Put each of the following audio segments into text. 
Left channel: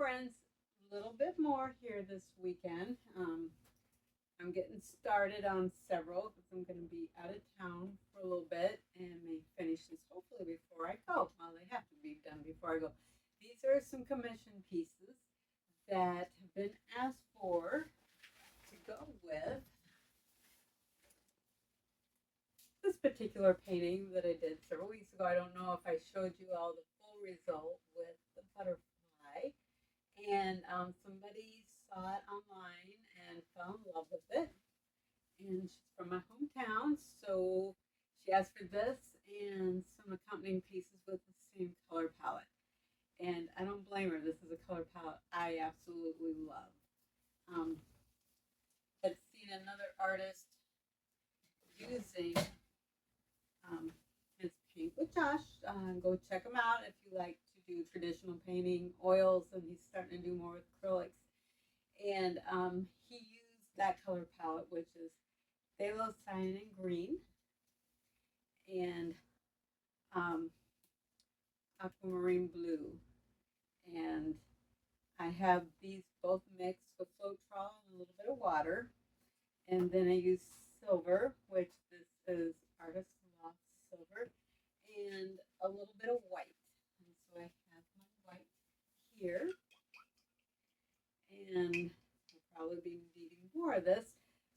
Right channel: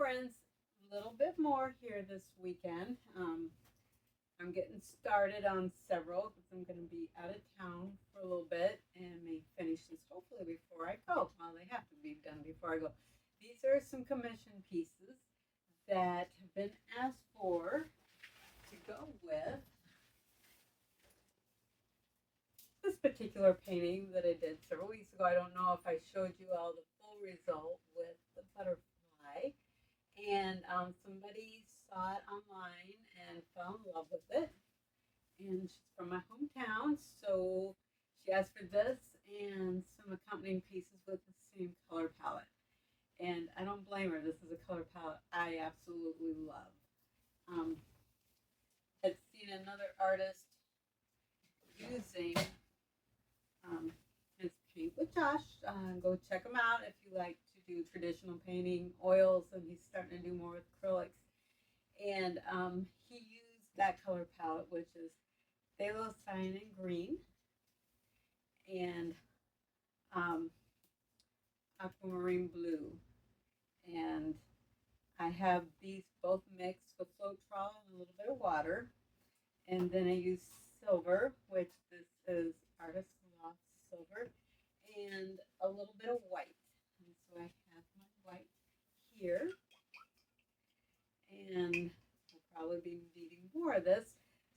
friends, a little bit more here this weekend. I'm getting started on several because I'm going to be out of town for a little bit and may finish this hopefully before I go. Well, they have to be done before I go. These are some commission pieces that have been asked for to go with this particular painting that I did several weeks ago. I don't know if I showed you all the full result with the butterfly. And somebody saw it online and fell in love with it. And she's from my hometown, so she asked for this and some accompanying pieces with the same color palette. And I don't blame her. This is a color palette I absolutely love. Um, I'd seen another artist using his paint with Josh. Go check him out if you like to do traditional painting, oils, and he's starting to do more with acrylics. And he used that color palette, which is phthalo cyan and green, and um, aquamarine blue. And I have these both mixed with Floetrol and a little bit of water. And then I use silver, which this is Artist Lost Silver, and a little bit of white. And so I have my white here, and we'll probably be needing more of this.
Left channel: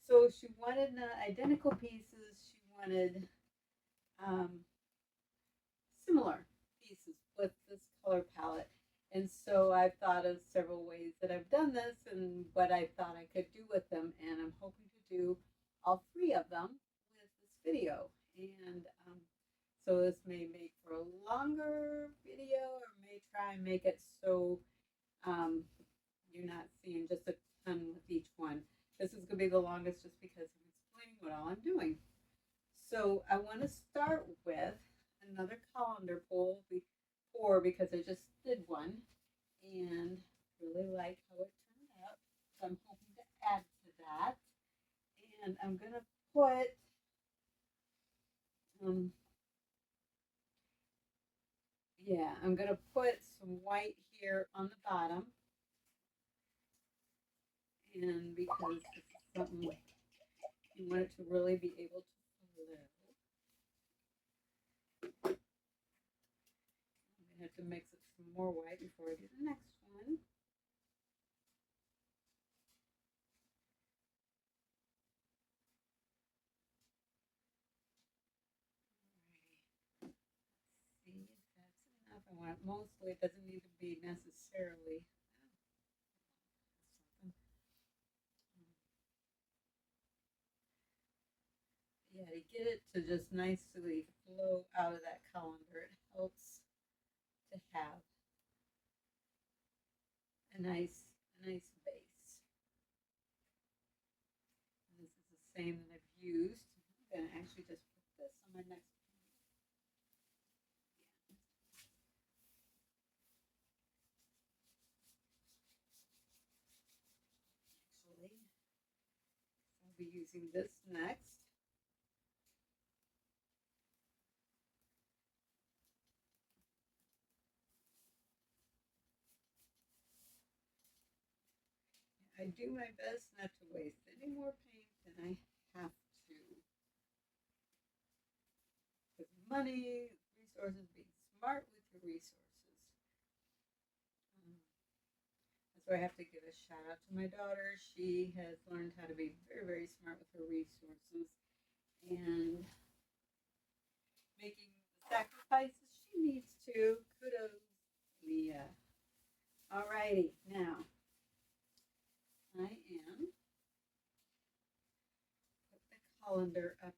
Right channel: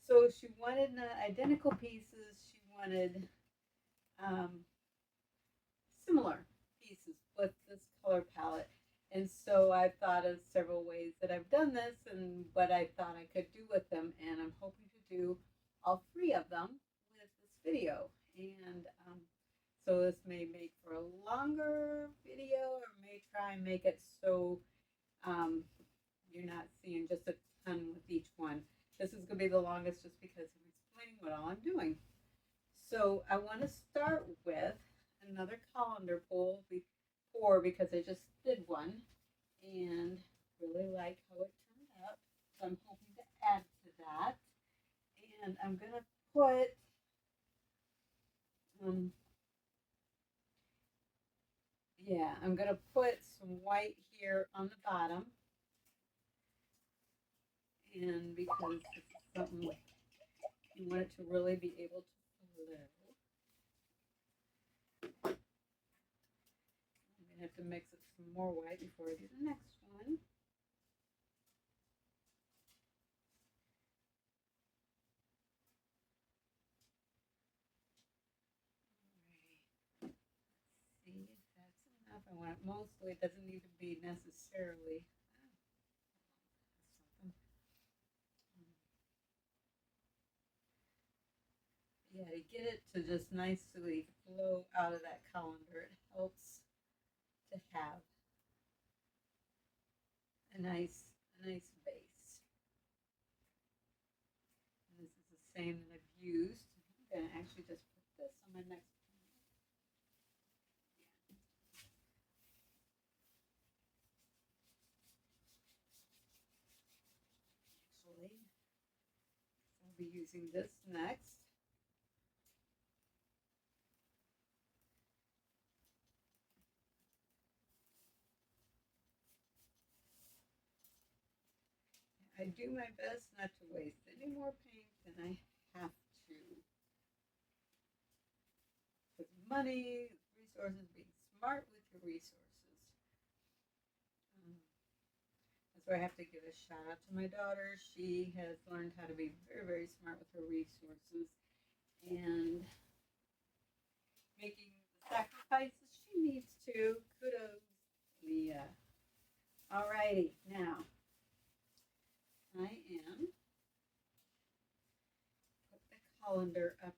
So she wanted identical pieces. She wanted um, similar pieces with this color palette. And so I thought of several ways that I've done this and what I thought I could do with them. And I'm hoping to do all three of them with this video. And so this may make for a longer video, or may try and make it so you're not seeing just a ton with each one. This is going to be the longest just because I'm explaining what all I'm doing. So I want to start with another colander pour because I just did one and really like how it turned out. So I'm hoping to add to that. And I'm going to put I'm going to put some white here on the bottom. And because this is something you want it to really be able to flow. I'm going to have to mix it some more white before I do the next one. See if that's enough. I want it mostly, it doesn't need to be necessarily. Yeah, to get it to just nicely flow out of that colander, it helps to have a nice base. And this is the same that I've used. I'm going to actually just put this on my next painting. Actually, I'll be using this next. I do my best not to waste any more paint than I have to. Because money, resources, being smart with your resources. That's where I have to give a shout out to my daughter. She has learned how to be very, very smart with her resources and making the sacrifices she needs to. Kudos, Leah. Alrighty, now I am put the colander up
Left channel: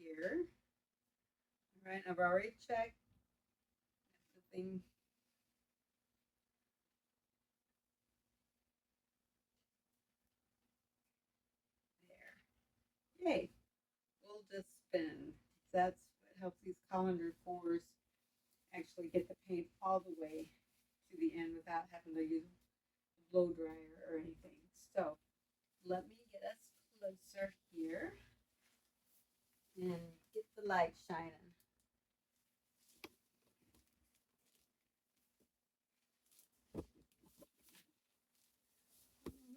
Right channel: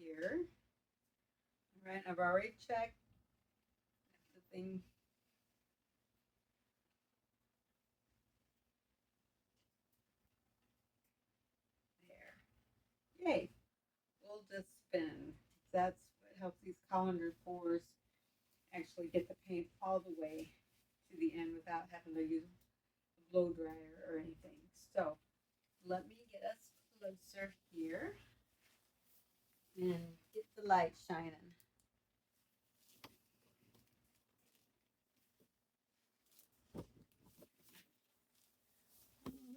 here. All right, I've already checked the thing. There. Yay. We'll just spin. That's what helps these colander pours actually get the paint all the way to the end without having to use a blow dryer or anything. So let me get us closer here and get the light shining.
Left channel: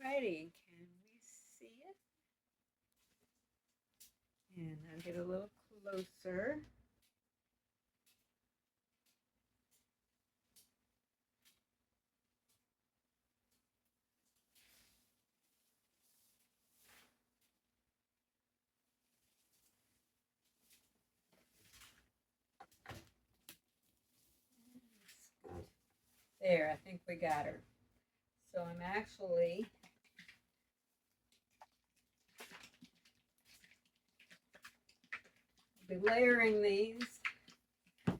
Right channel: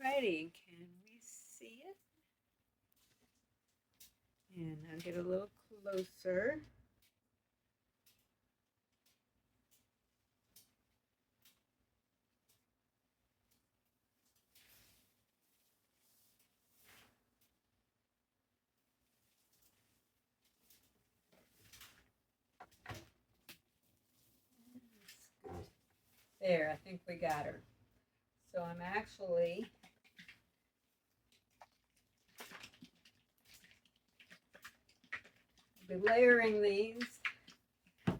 Alrighty, can we see it? And I'll get a little closer. There, I think we got her. So I'm actually be layering these. I'm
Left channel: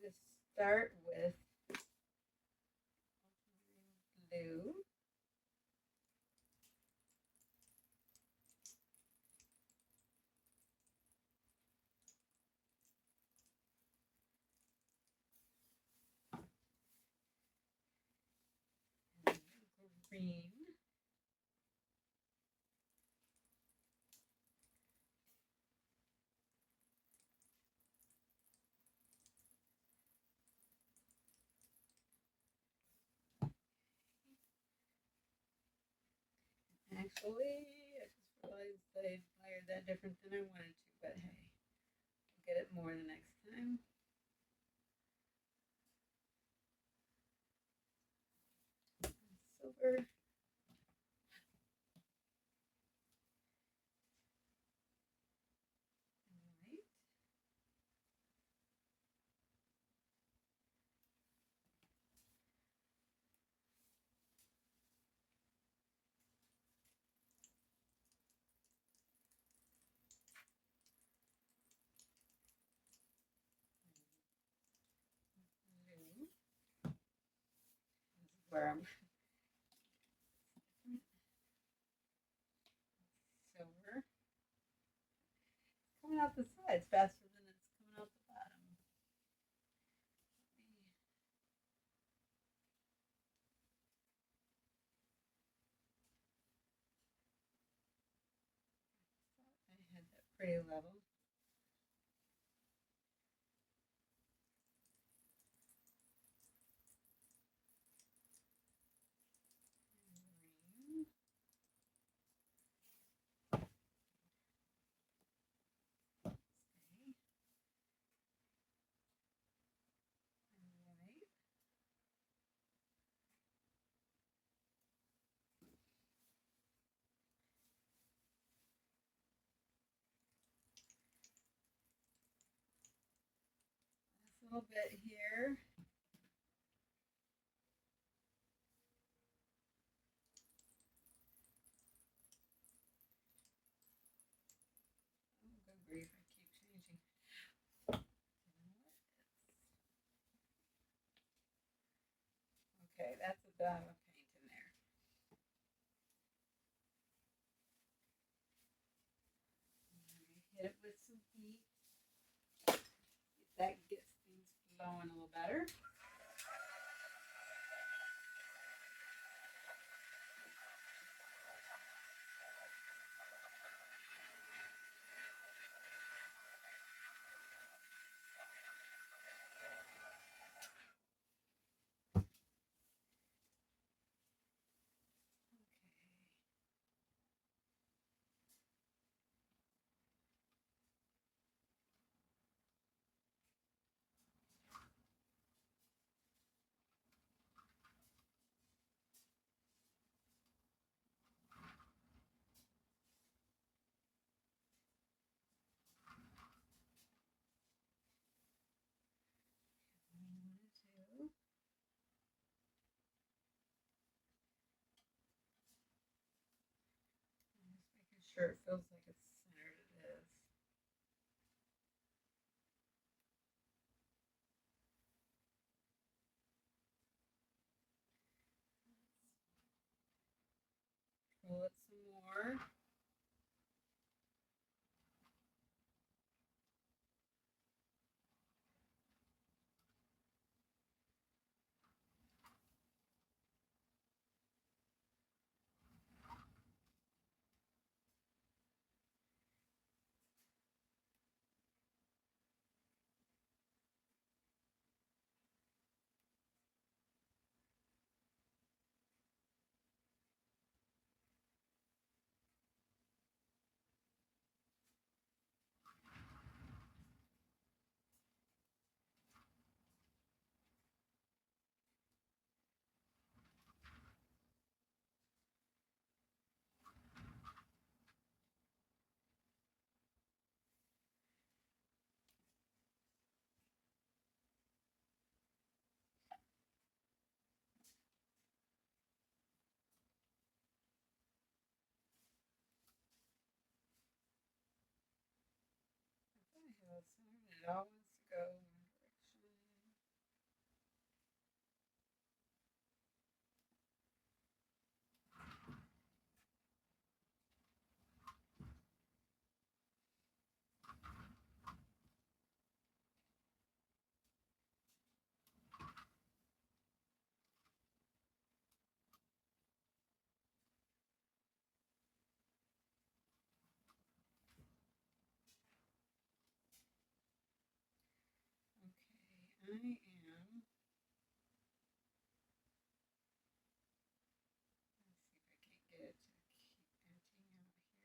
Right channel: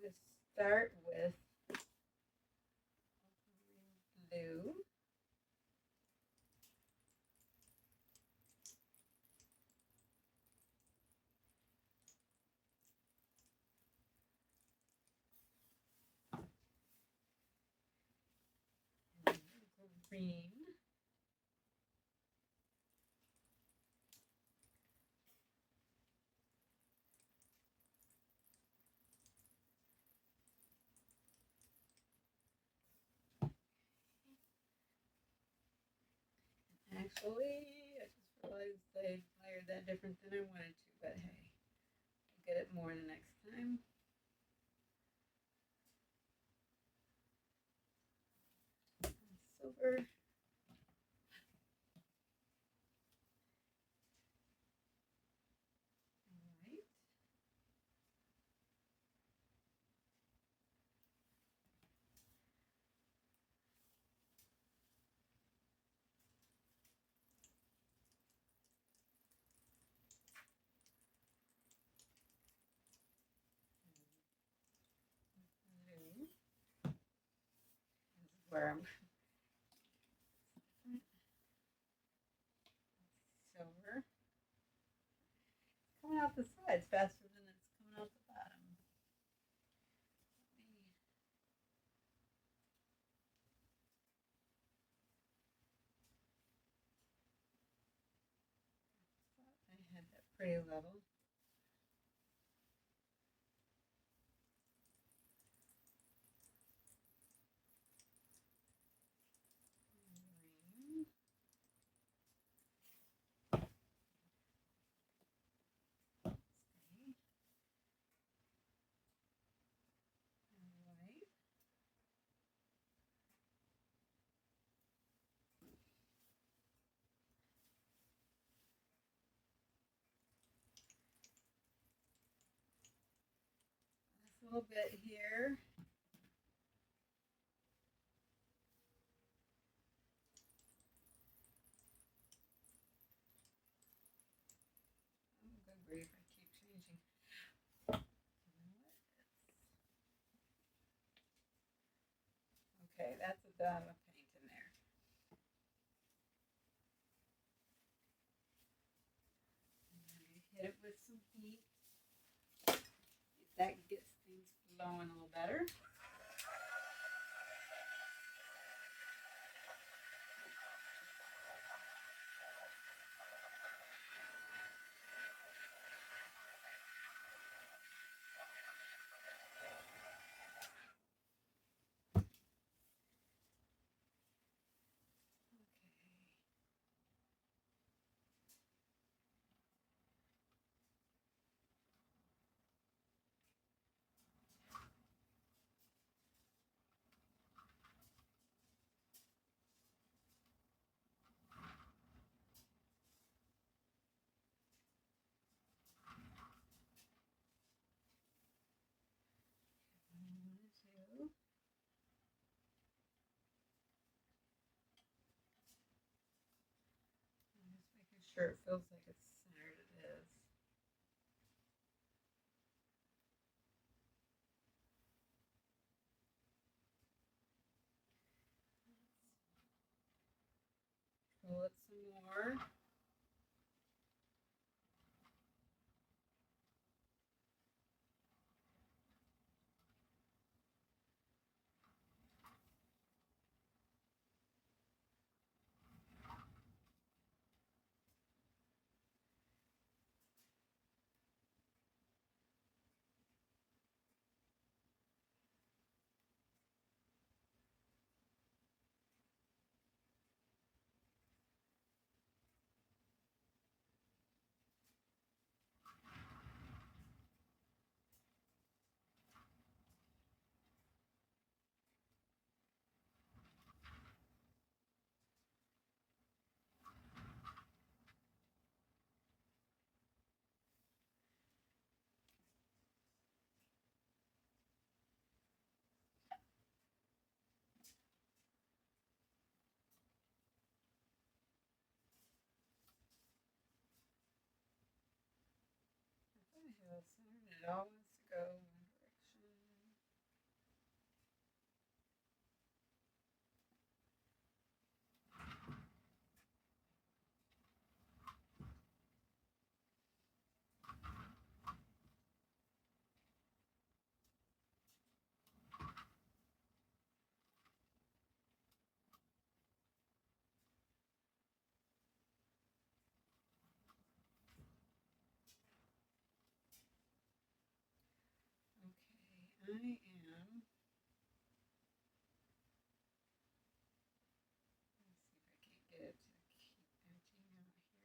going to start with blue. Green. Actually, I just realized they fired that different than I wanted to, but hey, I'll get it more the next time. Silver. Where I'm silver. Coming out the sides faster than it's coming out the bottom. I had that pretty level. A little bit here. Oh, good grief, I keep changing. Okay, that's a dot of paint in there. Hit it with some heat. That gets things flowing a little better. Sure it feels like it's centered. It is. Pull it some more. it all wants to go in one direction. Okay, I am. Let's see if I can't get it to keep emptying out here.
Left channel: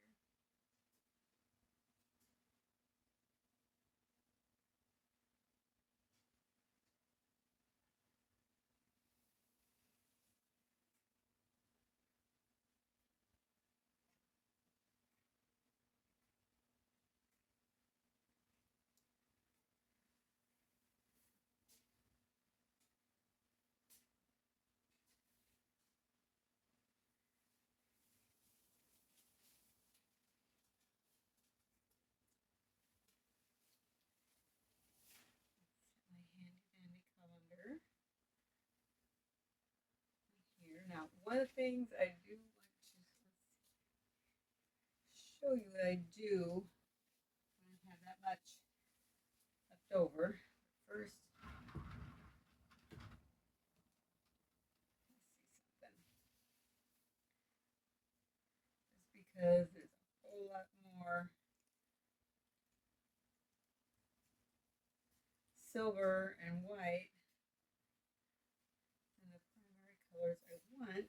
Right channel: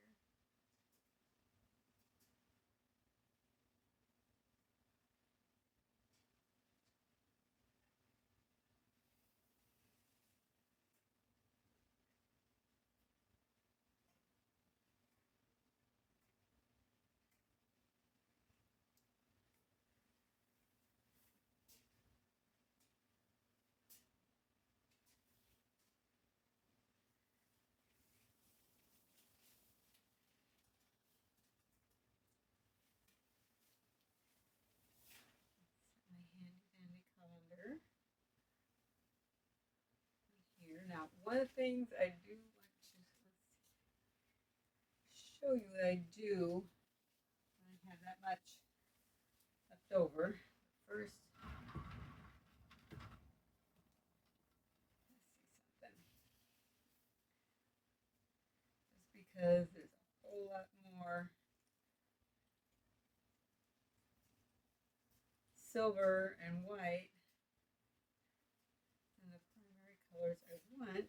My handy dandy colander here. Now, one of the things I do want to show you that I do when I have that much left over. First, let's see something. Just because there's a whole lot more silver and white than the primary colors I want.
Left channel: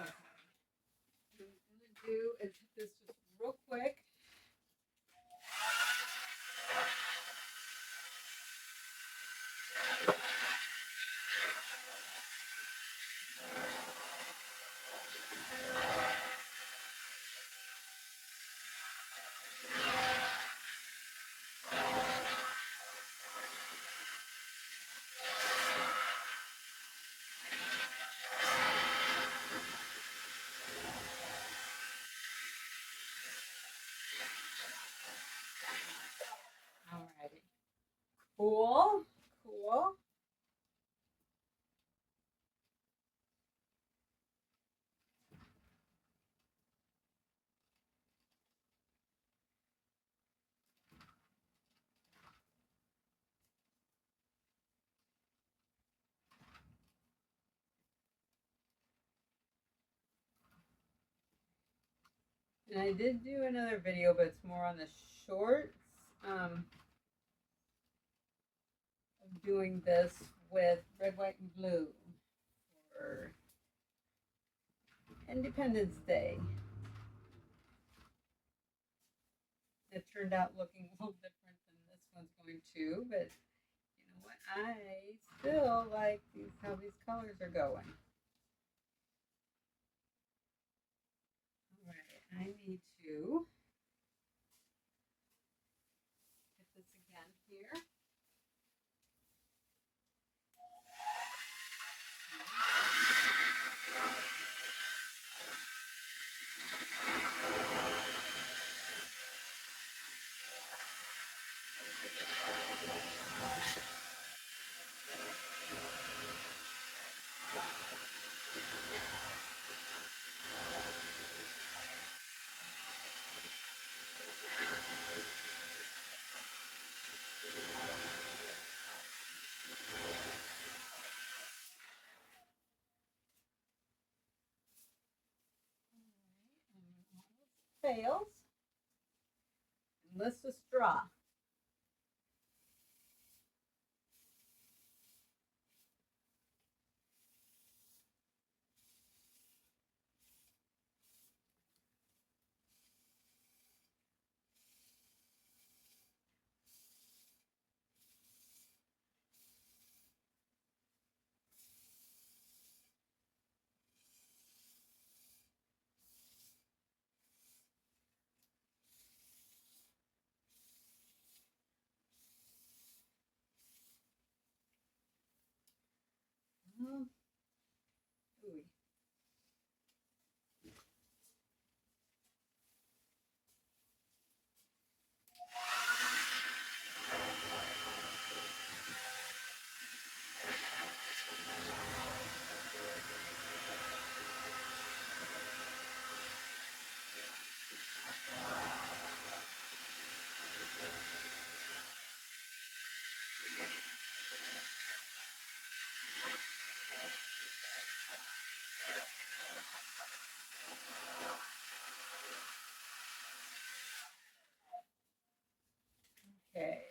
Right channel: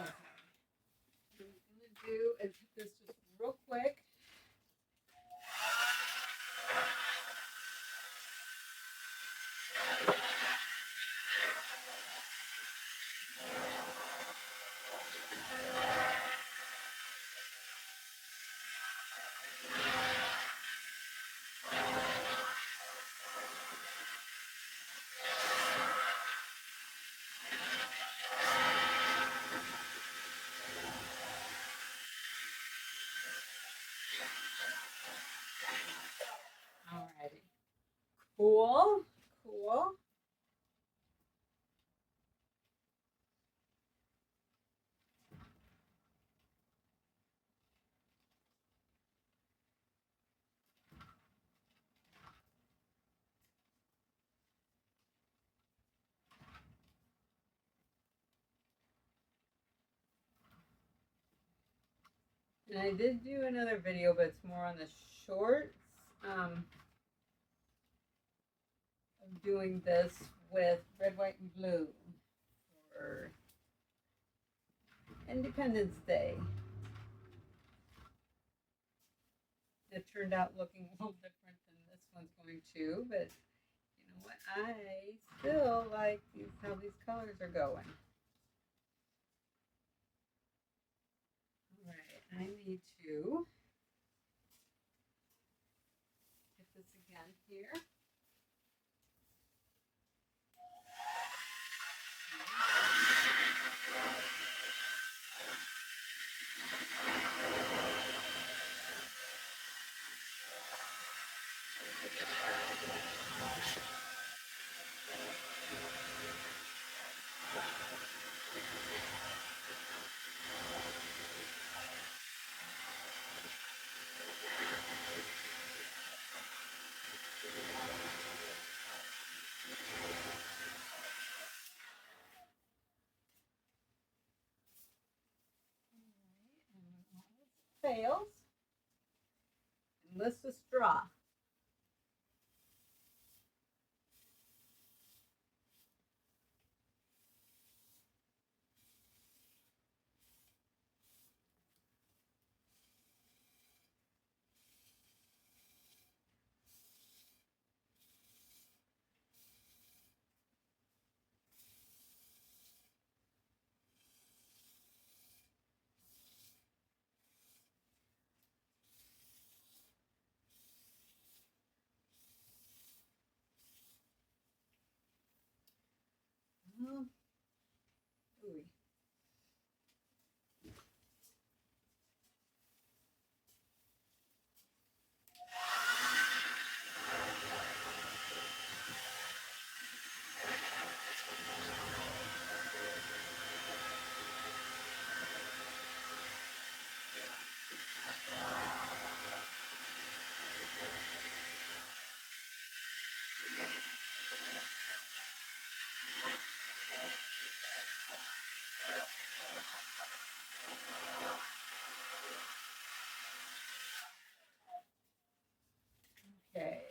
Okay. What I'm going to do is hit this just real quick. Alrighty. Cool. Cool. And I did do another video, but it's more on the shorts. Of doing this with red, white, and blue for Independence Day. It turned out looking a little different than this one's going to, but you know what? I still like how these colors are going. All right, I need to hit this again here. Fails. Enlist a straw. little ooey. Okay.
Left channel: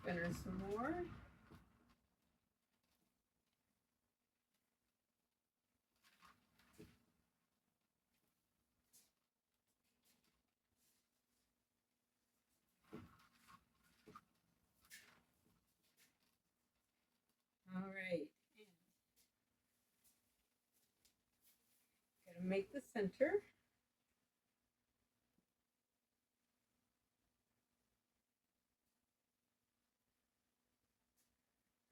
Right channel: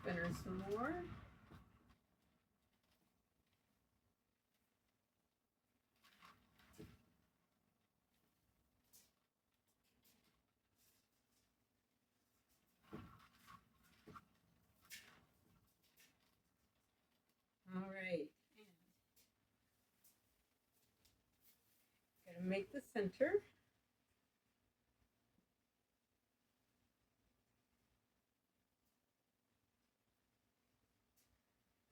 Spin her some more. All right. Gotta make the center.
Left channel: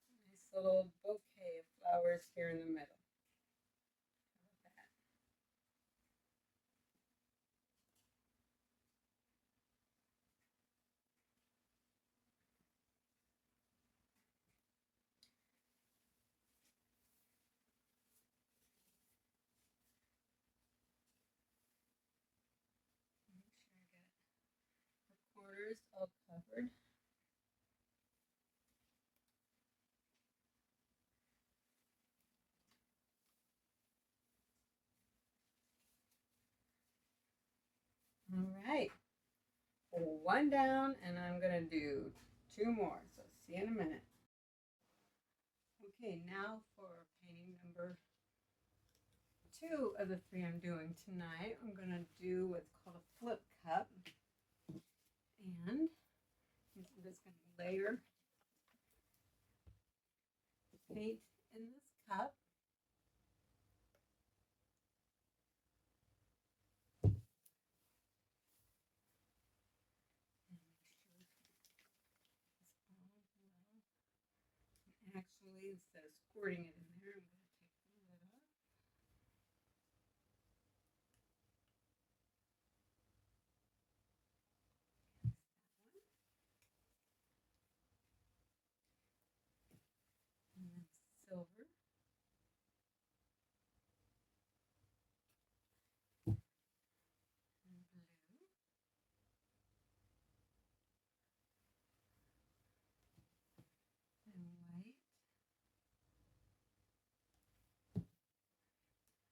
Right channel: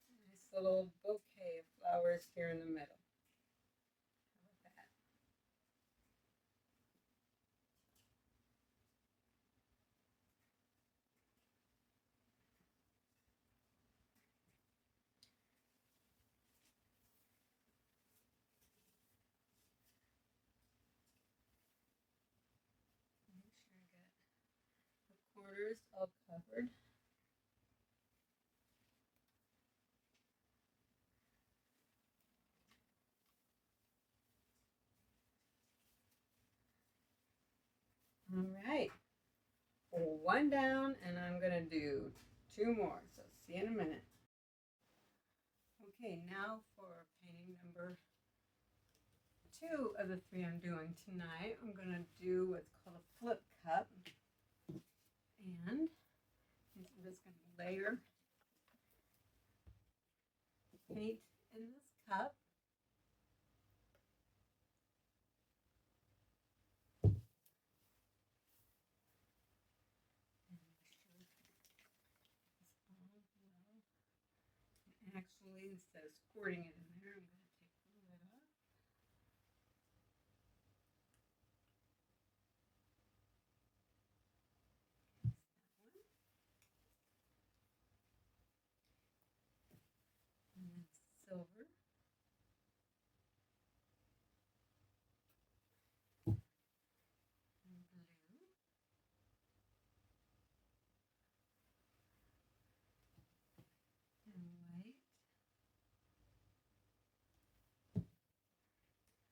Nice little bouquet of flowers here in the middle. How about that? Make sure I get the corners all covered. All right. One down, and I'm gonna do 2 more. So see you in a minute. Okay, now for painting number 2 of the 3 I'm doing tonight. I'm gonna do what's called a flip cup, and I'm just gonna layer paint in this cup. Actually, instead of squirting it in there, I'm going to take the lid off. And then silver. And blue. And white.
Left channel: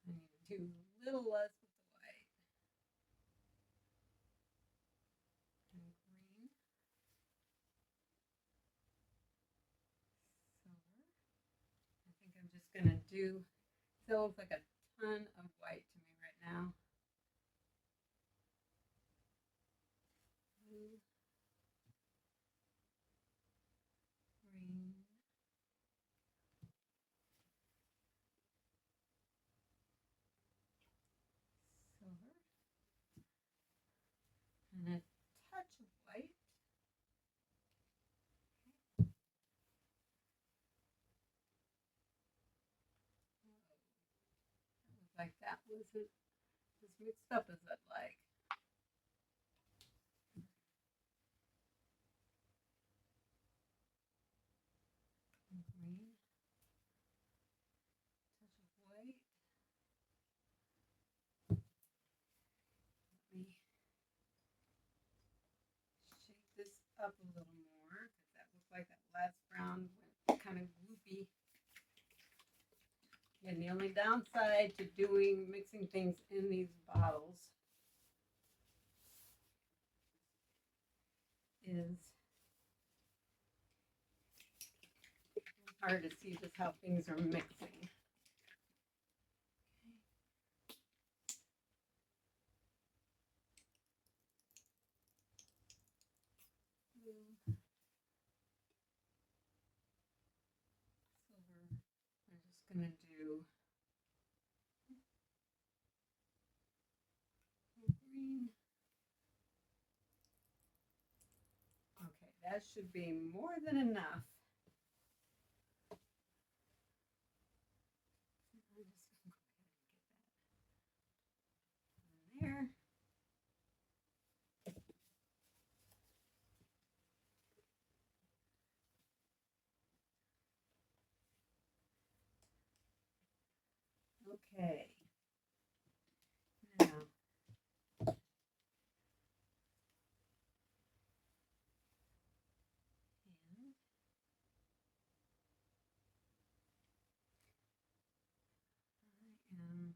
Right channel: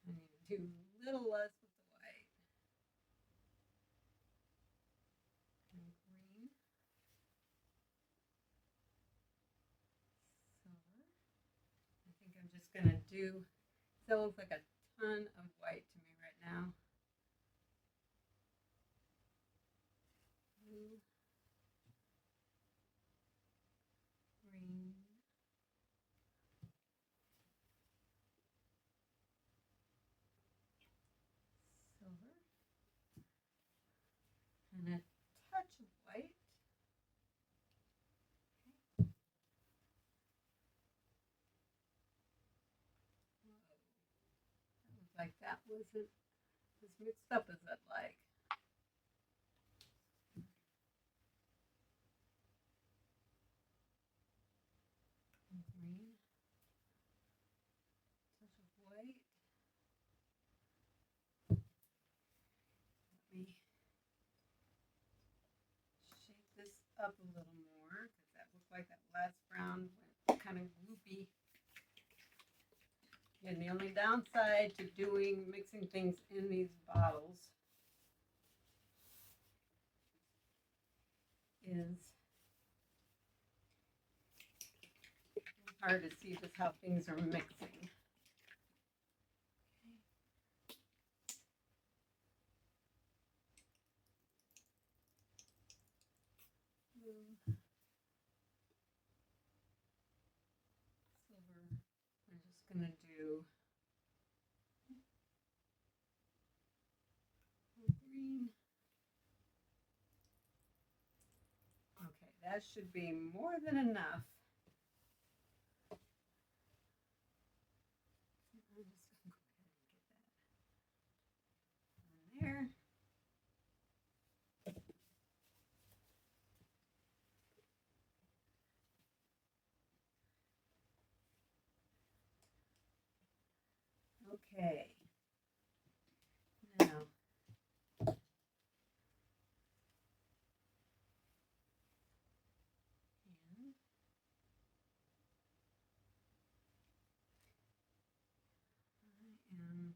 I need to do a little less with the white. And green. Silver. I think I'm just going to do, that looks like a ton of white to me right now. Blue. Green. Silver. And a touch of white. Like that wasn't as mixed up as I'd like. Green, touch of white. Let me shake this up a little more because that looked like that last brown went kind of gloopy. And the only downside to mixing things in these bottles is it's hard to see just how things are mixing. Blue, silver. We're just gonna do green. Okay, that should be more than enough. Okay. Now, and I am,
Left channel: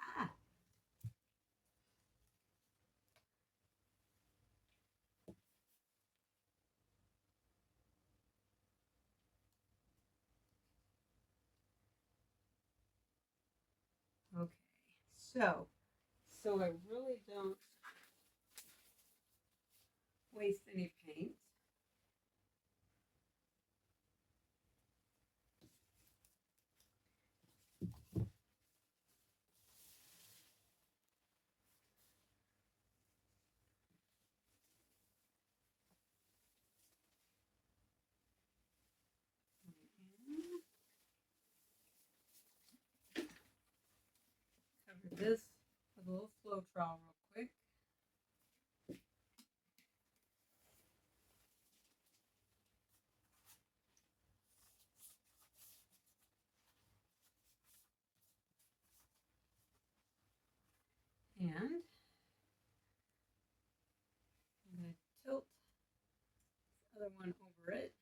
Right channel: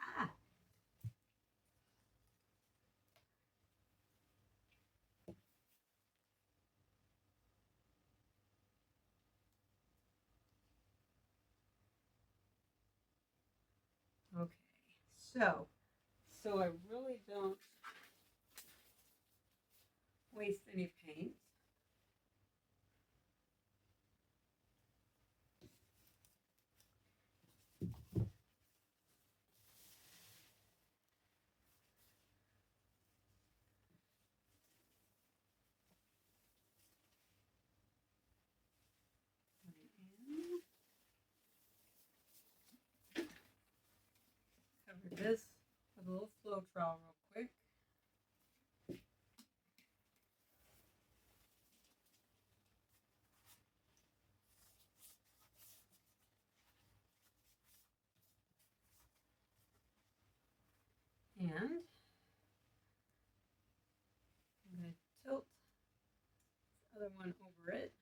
ah, okay. So I really don't waste any paint. Cover this with a little flow trowel real quick. And I'm going to tilt the other one over it.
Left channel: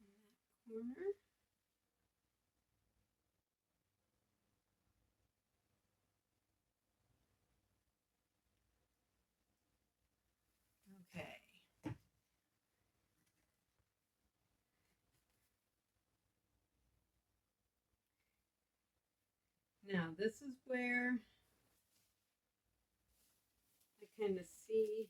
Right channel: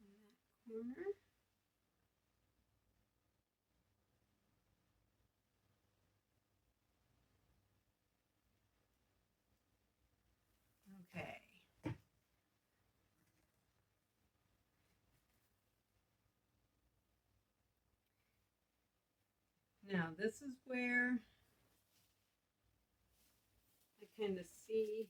In that corner. Okay. Now this is where I kind of see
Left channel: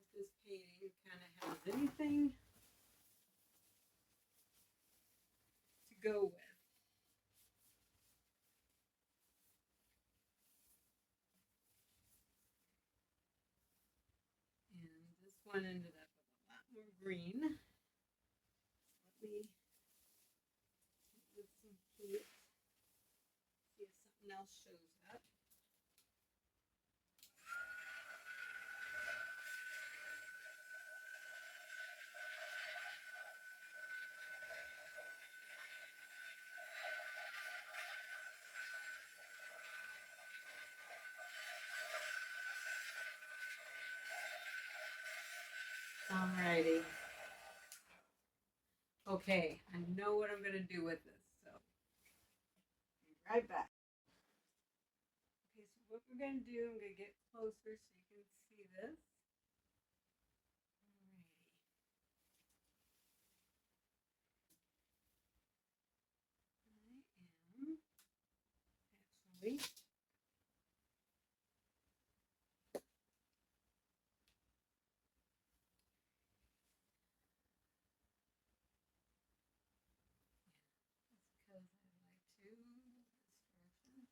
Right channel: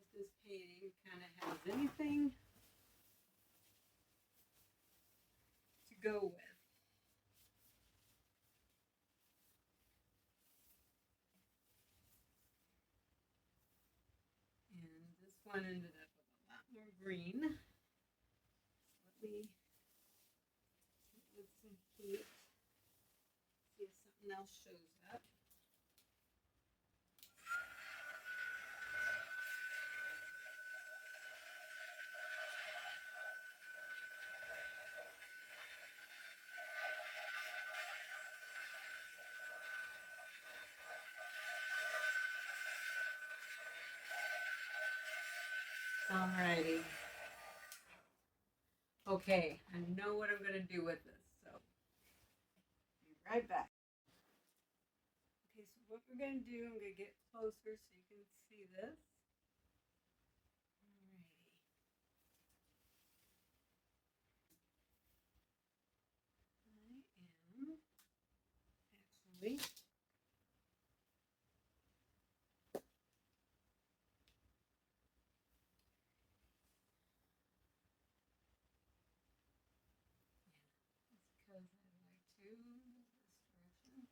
if this painting kind of has anything to go with. And this one ended up with a lot more green. So let me with some heat, see if something else shows up. Alrighty. Okay, I know what I'm going to do with this, so be right back. Okay, so what we're going to do, I'm going to get closer so you can see this. Alrighty. I am actually because I like to this direction.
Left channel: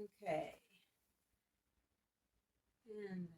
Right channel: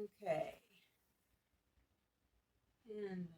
Okay. And then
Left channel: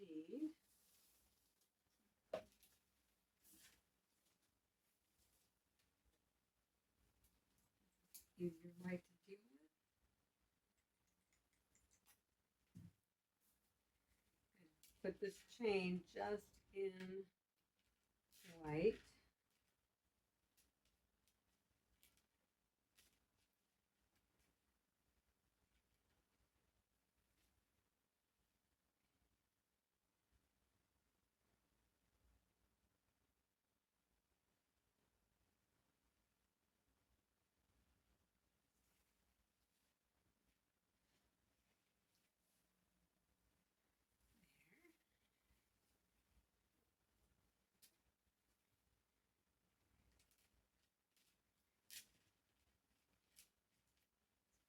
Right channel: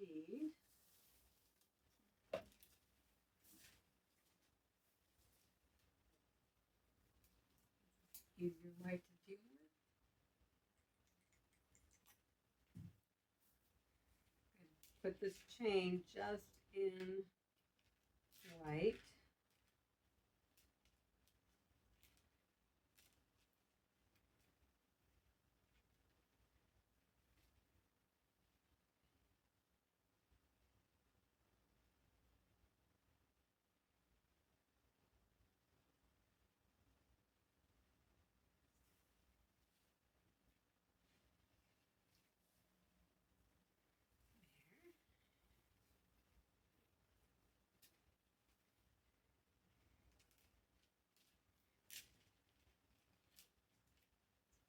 we need use your white to do it. Put this chain just in white.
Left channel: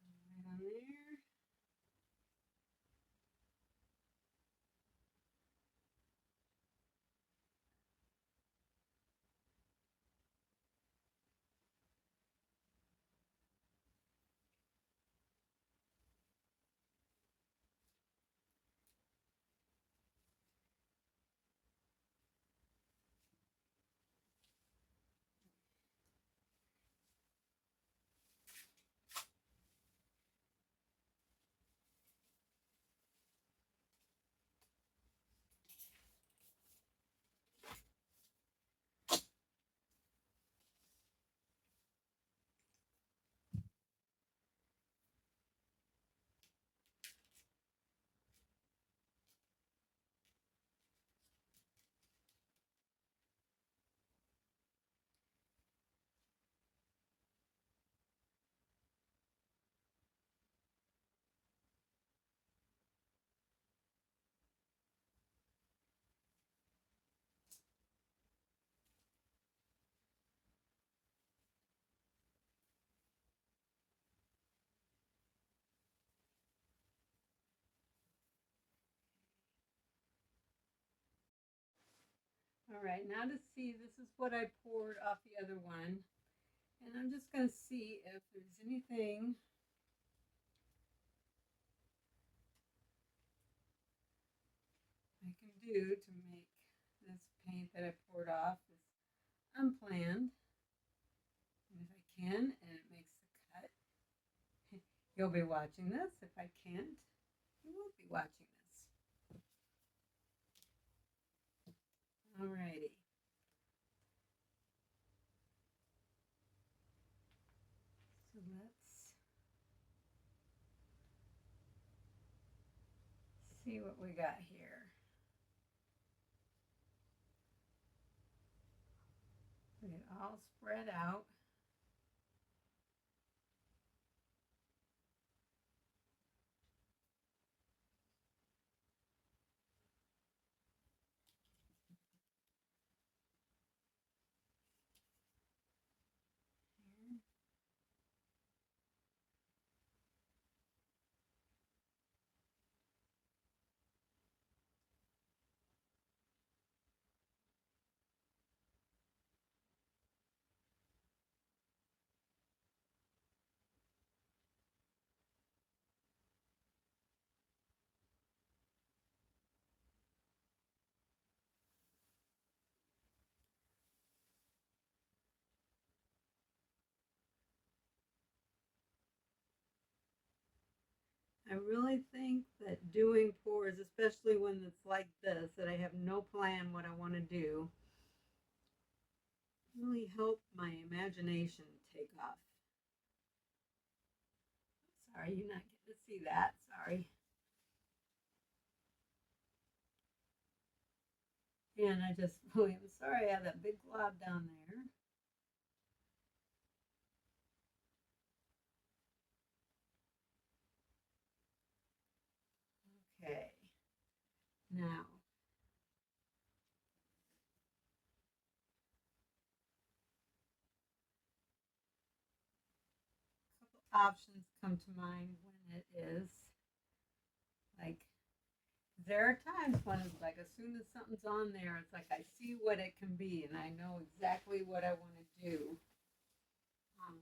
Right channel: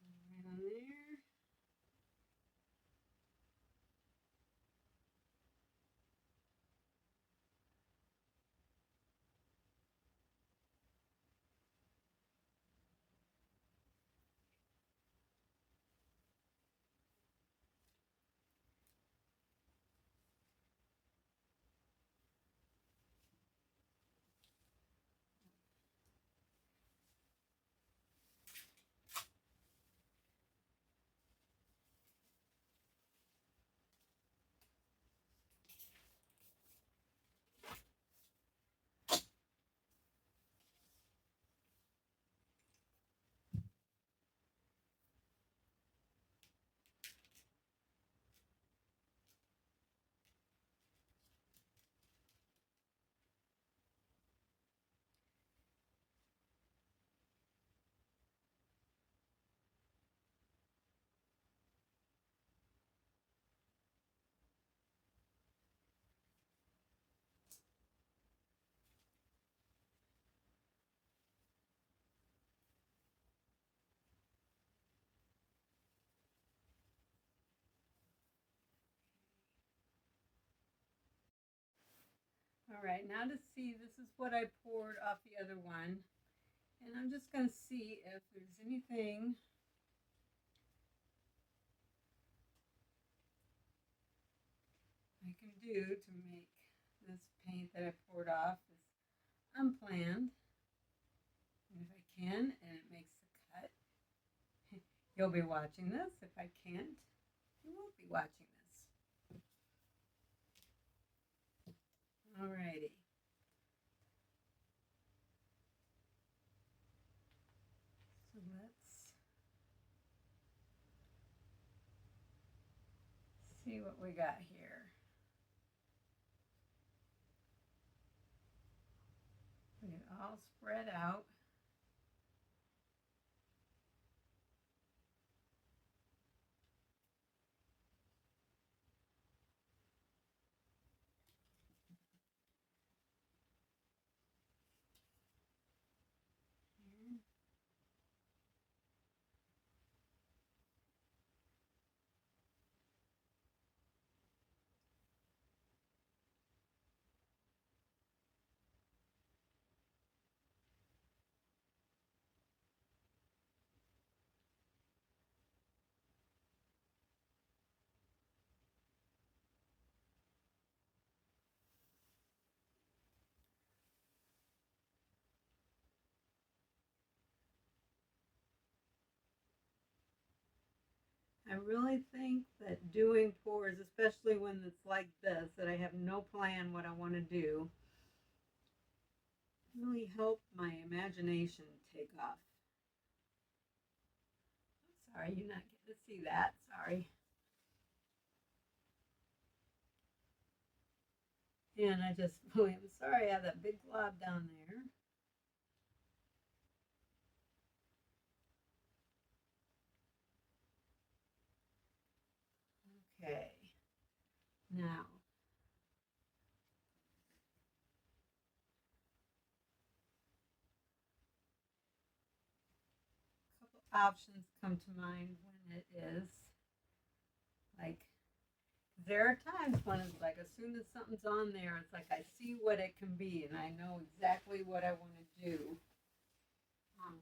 Right on there. All right, now to see, this is what I poured off the other one. And I'm just going to see if there's anything I can do to make this paint that I poured off is unplanned. And if I can, and it makes the cut, you'll be watching this. If I can't, you won't be watching this. Alrighty. So let's see what we got here. We it all spread out. I really think that doing pours, especially when it's like this, that I have no plan what I want to do, really help my imagination take off. Sorry, you're not getting to see that. Sorry. And I just really am sorry I have that big glob down there. Okay. Now, a couple options come to mind when it is like there are times when it's like as soon as something's on there, it's like I see what it can be and I know exactly what I want to do. Um,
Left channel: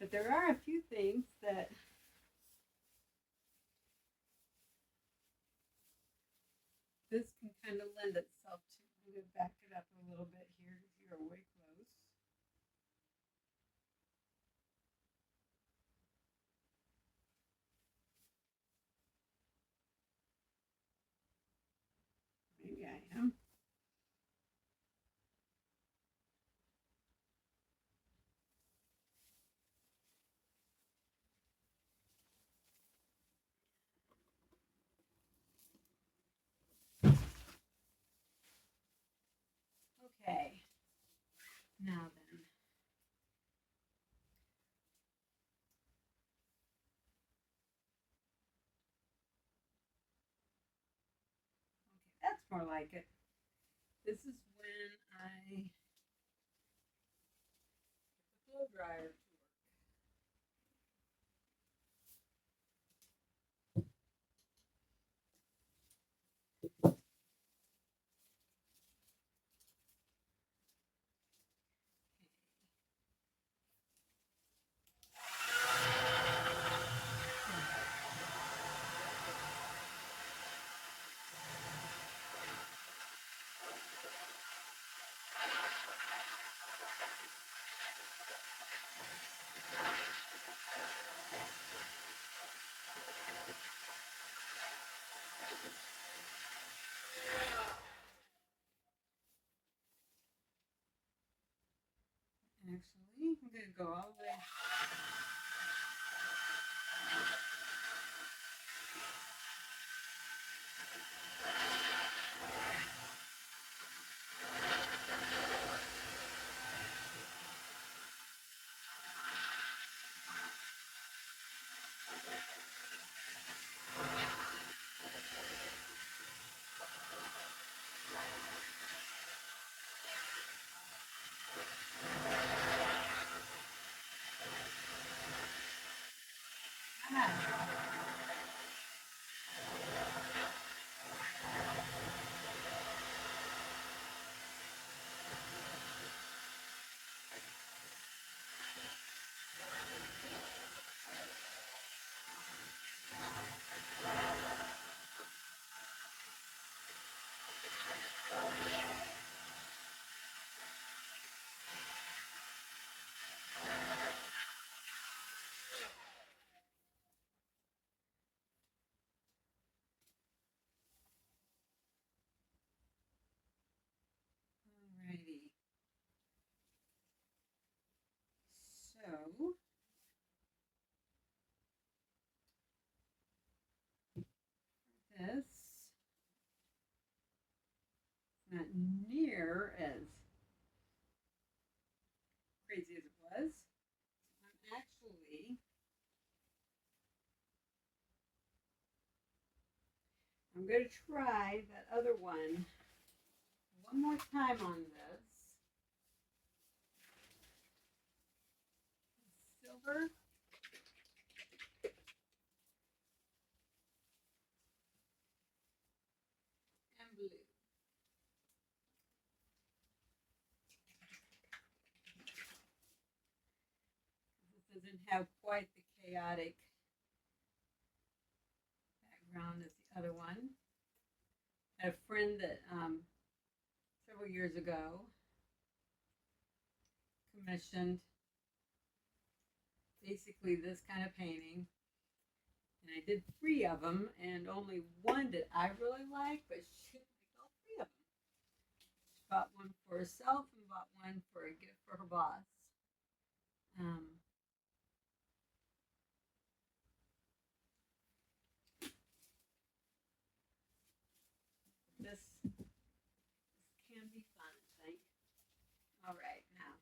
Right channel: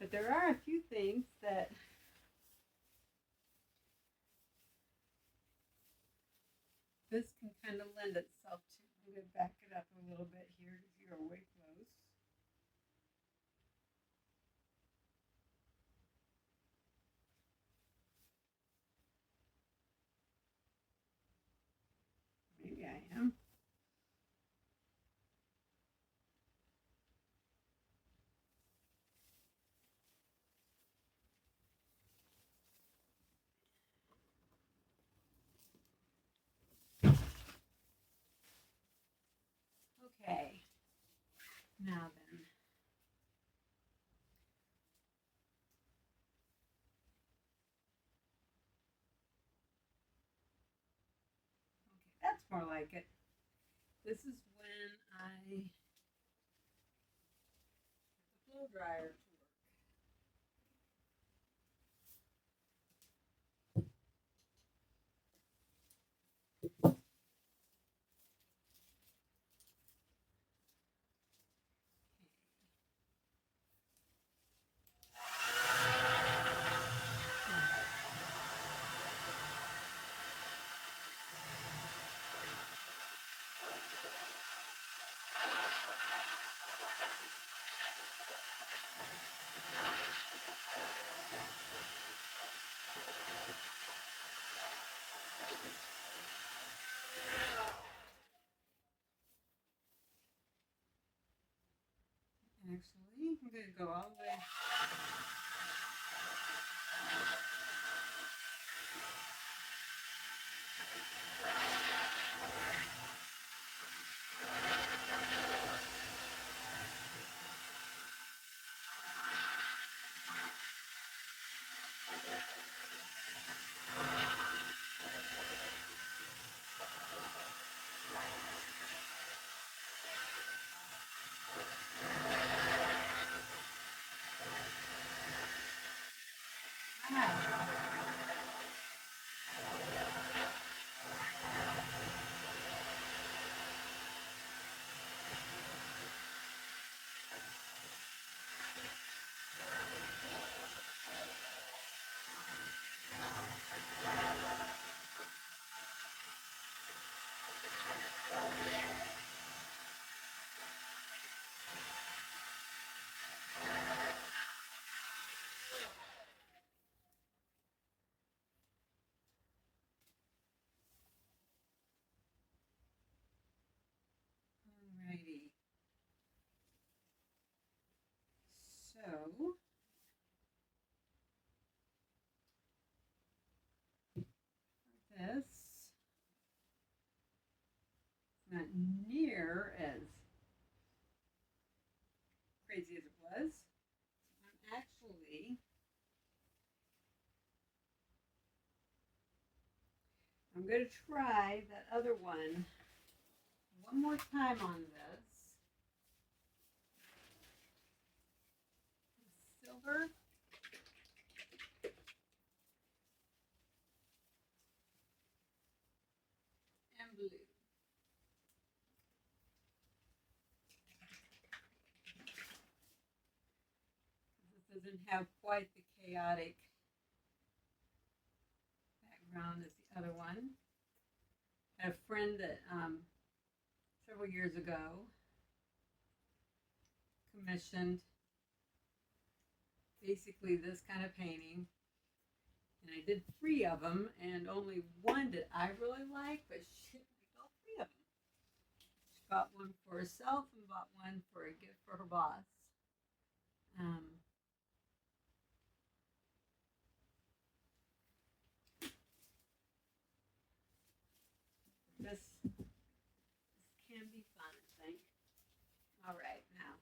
but there are a few things that this can kind of lend itself to. I'm going to back it up a little bit here because you're way close. Maybe I am. Okay. Now then. Okay, that's more like it. This is when I put the blow dryer to work. Actually, I'm going to go all the way. Alrighty. So, this not near as crazy as it was. I'm actually I'm going to try that other one more time on this. Silver. And blue. This doesn't have quite the chaotic background as the other one. I had a friend that several years ago commissioned basically this kind of painting. And I did 3 of them, and only one did I really like, but she didn't like all 3 of them. She bought one for herself and bought one for a gift for her boss. This can be fun, I think. All right, now.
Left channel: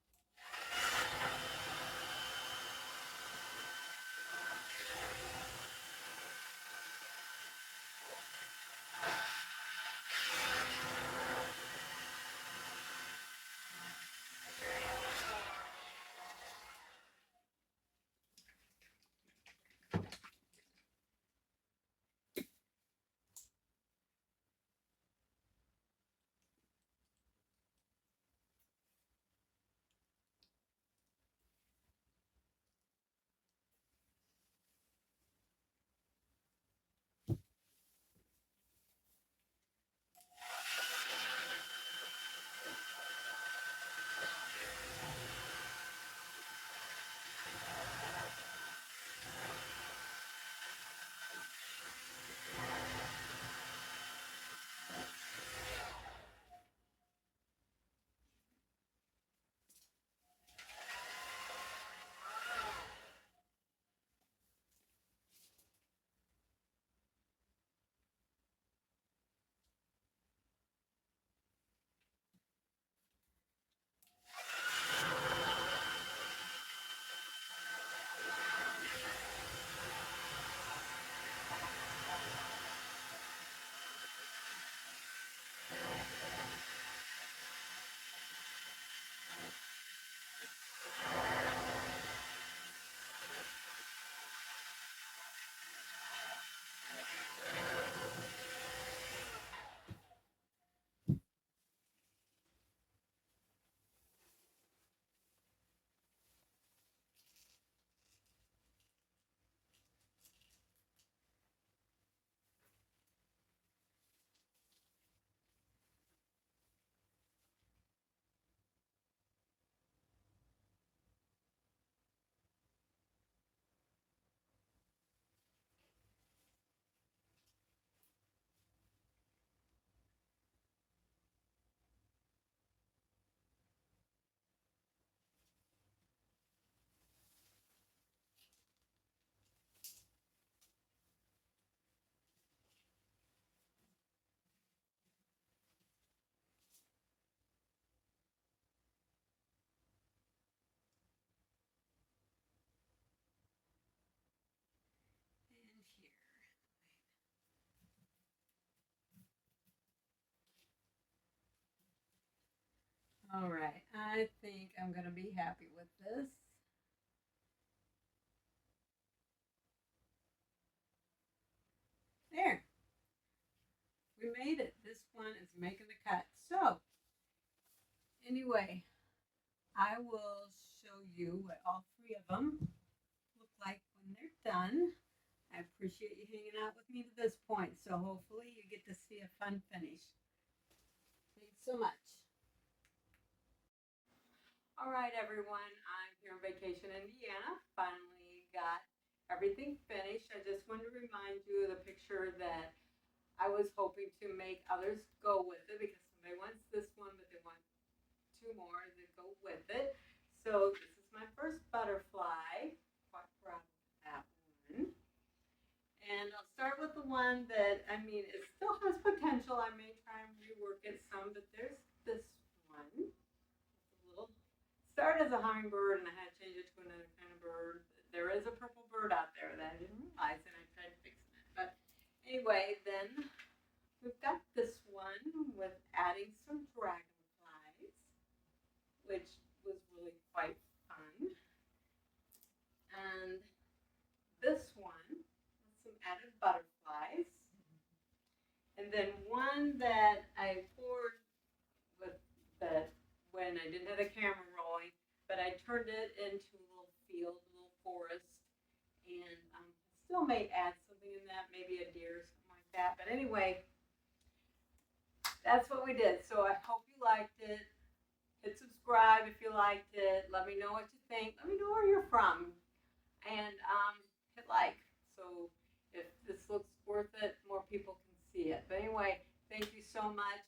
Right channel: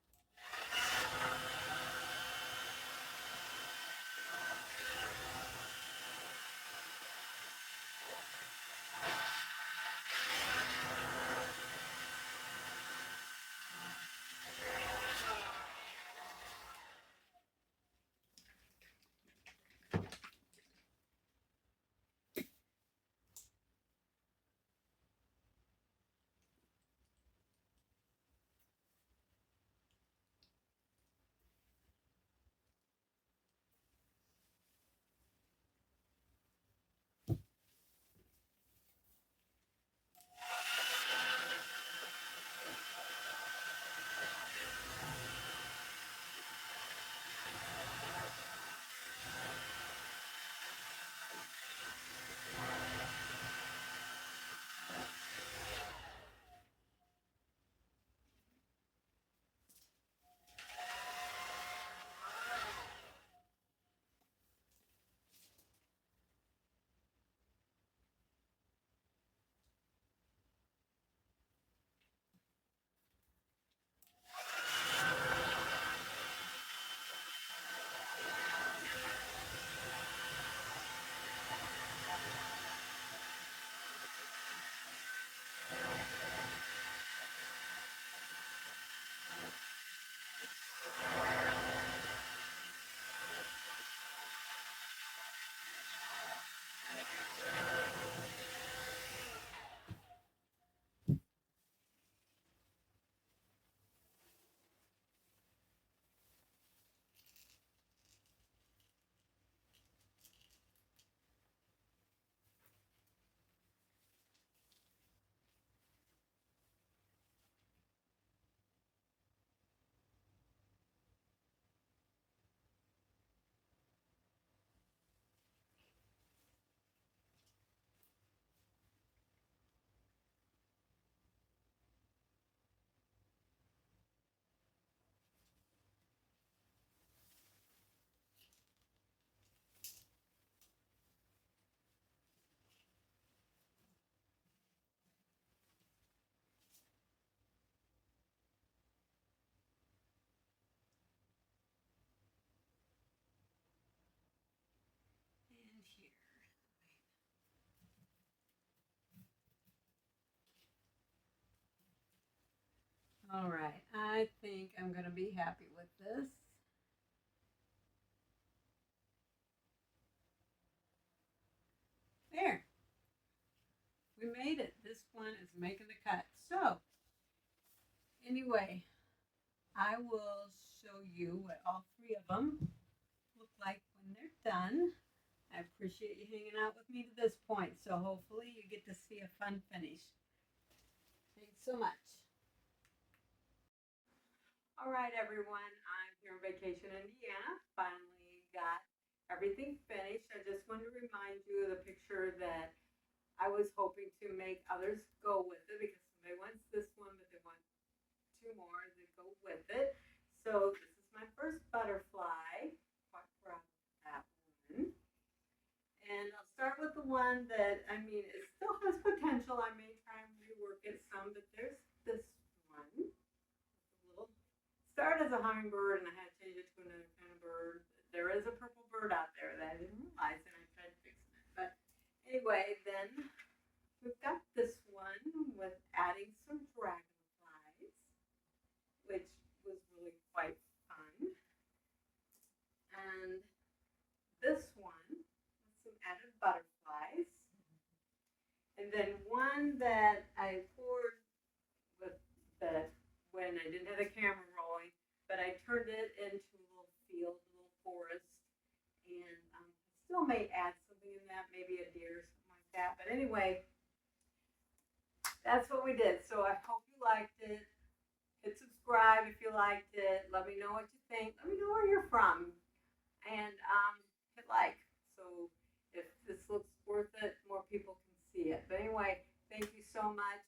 And here. All right, I think I'm going to be happy with this. There. We made it. This one is making the cut. So, anyway, I will show you what all 3 of them look like when they're done. I appreciate you hanging out with me to this point. So hopefully you get to see a fun finish. Thanks so much. All right, everyone. I'm here on vacation in Indiana. Finally got everything finished. I just wanted to remind you of the picture that I was hoping to make others go with it because somebody wants this one, but they want 2 more that go with it. So this is my first butterfly. Quite proud of that one. And I'll start with the one that, I mean, it still has potential. I may try and rework it some, but there's this one. It's a little, started as a hummingbird and I had to change it to another kind of bird. There is a purple bird out there that I didn't realize and I tried fixing it. But anyway, then we've got this one with adding some dragonflies, which was really quite fun. And this one with some added butterflies. And then one that I poured with that when I didn't have the camera rolling, but I turned it into a little field, a little forest, and still may add something in that, maybe a deer or something like that. But anyway, that's what we did. So I hope you liked it. Hit subscribe if you liked it. Let me know what you think. Let me know where you're from. and hit like. So if this looks worth it, more people can see it. But anyway, thank you so much.